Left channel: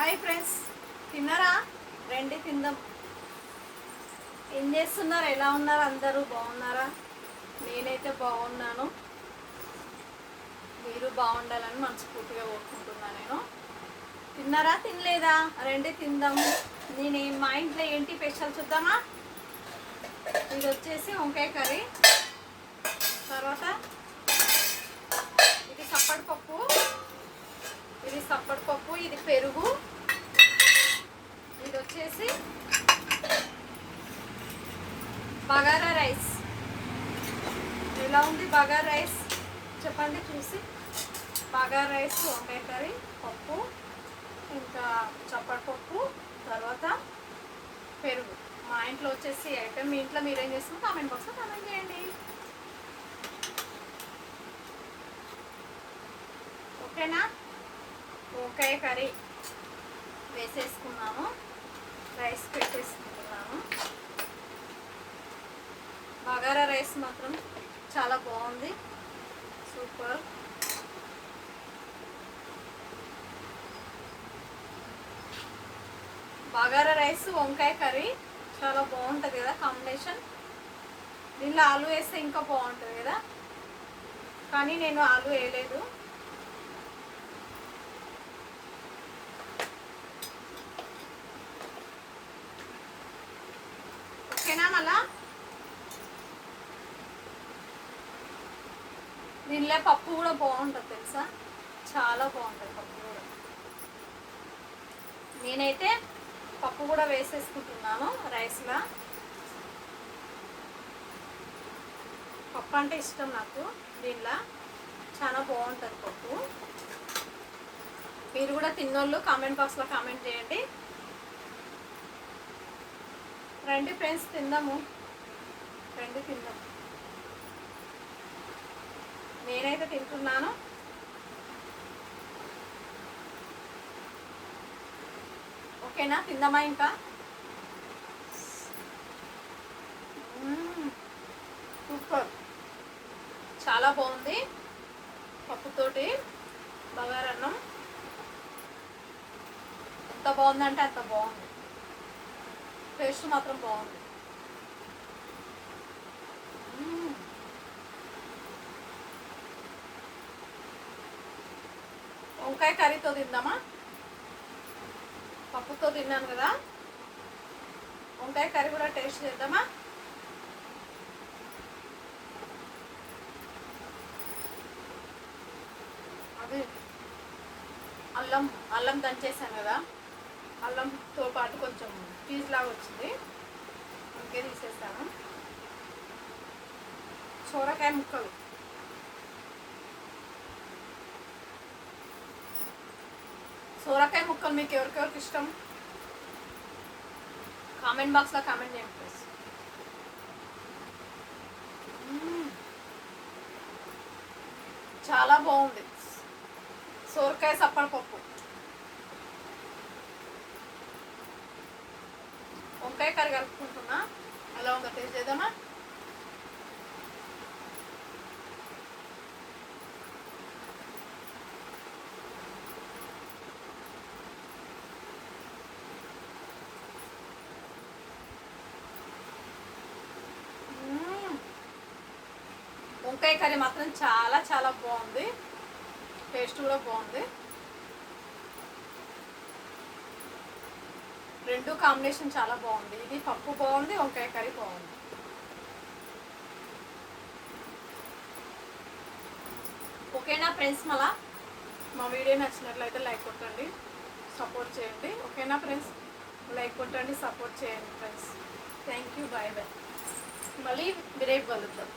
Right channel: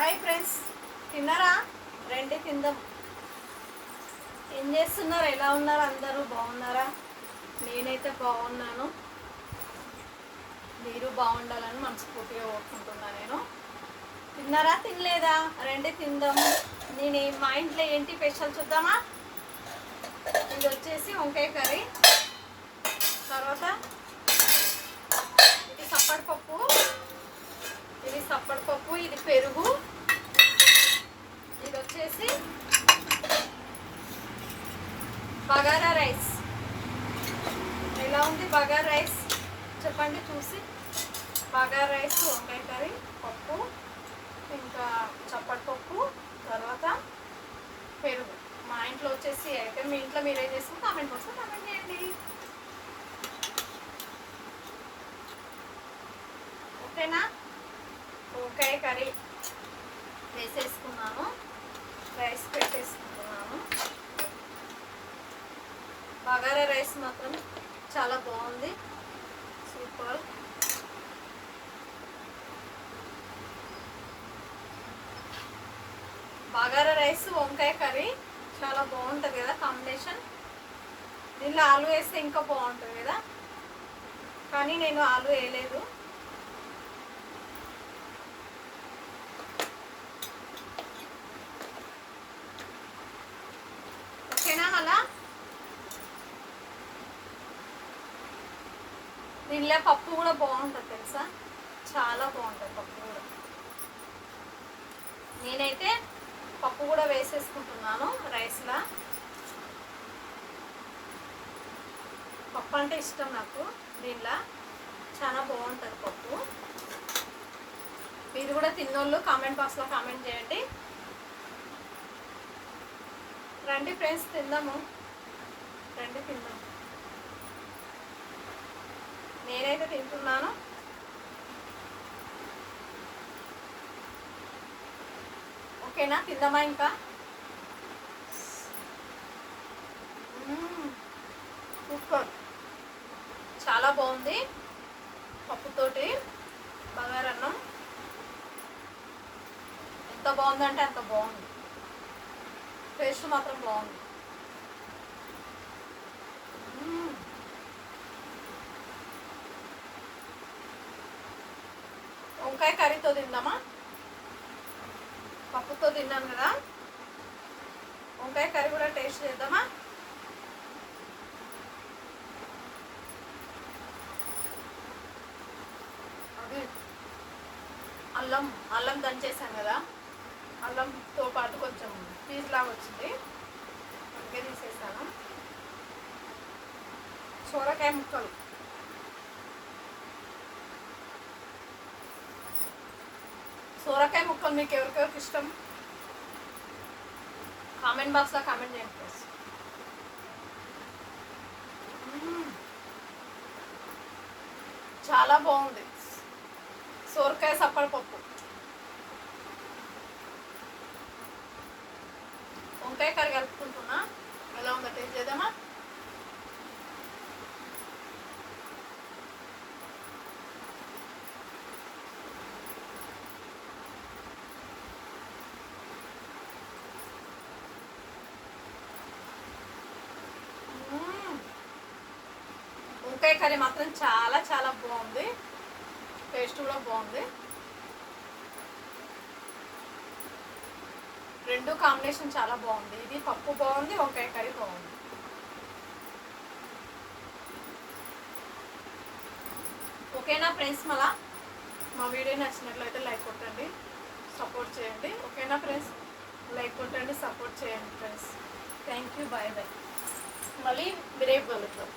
Hi friends, తిన్నారా? రండి తిందాం. ఏం చేస్తున్నారు? ఎలా ఉన్నారు? అందరూ బాగున్నారా? నేనైతే బాగున్నాను. మీరు బాగుండాలని మనస్ఫూర్తిగా కోరుకుంటున్నాను. నేను తిన్నారా? తినలేదా? రండి తిందాం. మా ఇంట్లో ఏంటి స్పెషల్ చూద్దామా? ఇది వచ్చేసి వంకాయ కర్రీ, తర్వాత ఇది సప్పటిపప్పు, ఇది పెరుగు, ఇది వచ్చేసి బగారా రైస్. ఎలా ఉంది బగారా రైస్ చెప్పండి చూసి. బగారా రైస్, వంకాయ కర్రీ, పప్పు, ఇంకా చప్పటిపప్పు, తర్వాత పెరుగు. మా ఇంట్లో వచ్చేసి అయితే మీ ఇంట్లో మీరేం చేస్తారో కామెంట్ బాక్స్లో కామెంట్ చేయండి. ఓకేనా? వంకాయ కర్రీ వేసేసుకున్నాను, రైస్ పెట్టేసుకుంటున్నాను. బగారా రైస్ మాత్రం చాలా బాగుంది, సూపర్. బగారా రైస్ వంకాయ కర్రీ చాలా బాగుంటుంది కదా కాంబినేషన్. దీనిలో ఆలు వేస్తే ఇంకా బాగుంటుంది కదా, కానీ నేను ఆలు వేయలేదు. ఓకేనా? మళ్ళా దీనిలో పప్పు కూడా బాగుంటుంది తెలుసా, చాలా బాగుంటుంది పప్పు కూడా. నేనైతే పప్పు కూడా వేసేసుకుంటున్నాను రైస్లో. పప్పు అంటే ఇష్టం నాకు, దీనిలో చాలా బాగుంటుంది పప్పు. మీరు కూడా తిన్నోళ్ళు కామెంట్ బాక్స్లో కామెంట్ చేయండి. రండి ఫ్రెండ్స్ తిందాము, రండి తిందాం. నేనైతే తింటున్నాను. ఓకేనా? తిందామా ఇంకా? సూపర్, చాలా బాగుంది. పప్పుతోటి బగారన్నం ఎంత బాగుందంటే అంత బాగుంది. టేస్ట్ మాత్రం బాగుంది. వంకాయ కర్రీతో తిందామా? పప్పుతో తిన్నాను కదా, వంకాయ కర్రీ కూడా టేస్ట్ చేద్దామా? అది అల్లం దంచేసాను కదా, అల్లంతో పాటు కొంచెం పీస్ లాగా వచ్చింది, అందుకే తీసేసాను. సొరకాయ ముక్కలు, సొరకాయ ముక్కలు మీకు ఎవరికెవరికి ఇష్టం కామెంట్ బాక్స్లో కామెంట్ చేయండి ప్లీజ్. చాలా బాగుంది సొరకాయ సప్పడిపప్పు. వంకాయ కర్రీ కలుపుకుంటున్నా, ఎలా ఉందో టేస్ట్ చేద్దామా? వంకాయ కర్రీ మాత్రం చాలా చాలా బాగుంది, టేస్ట్ కూడా బాగుంది. రెండు కాంబినేషన్ చాలా బాగుంది. ఇది పప్పు బాగుంది, వంకాయ కర్రీ బాగుంది. ఓకేనా ఫ్రెండ్స్? మళ్ళా మా వీడియో నచ్చినట్లయితే లైక్ కొట్టండి, సపోర్ట్ చేయండి. ఓకేనా ఫ్రెండ్స్? లైక్ కొట్టండి, సపోర్ట్ చేయండి friends. Thank you, bye bye. మళ్ళీ రేపు కలుద్దాం.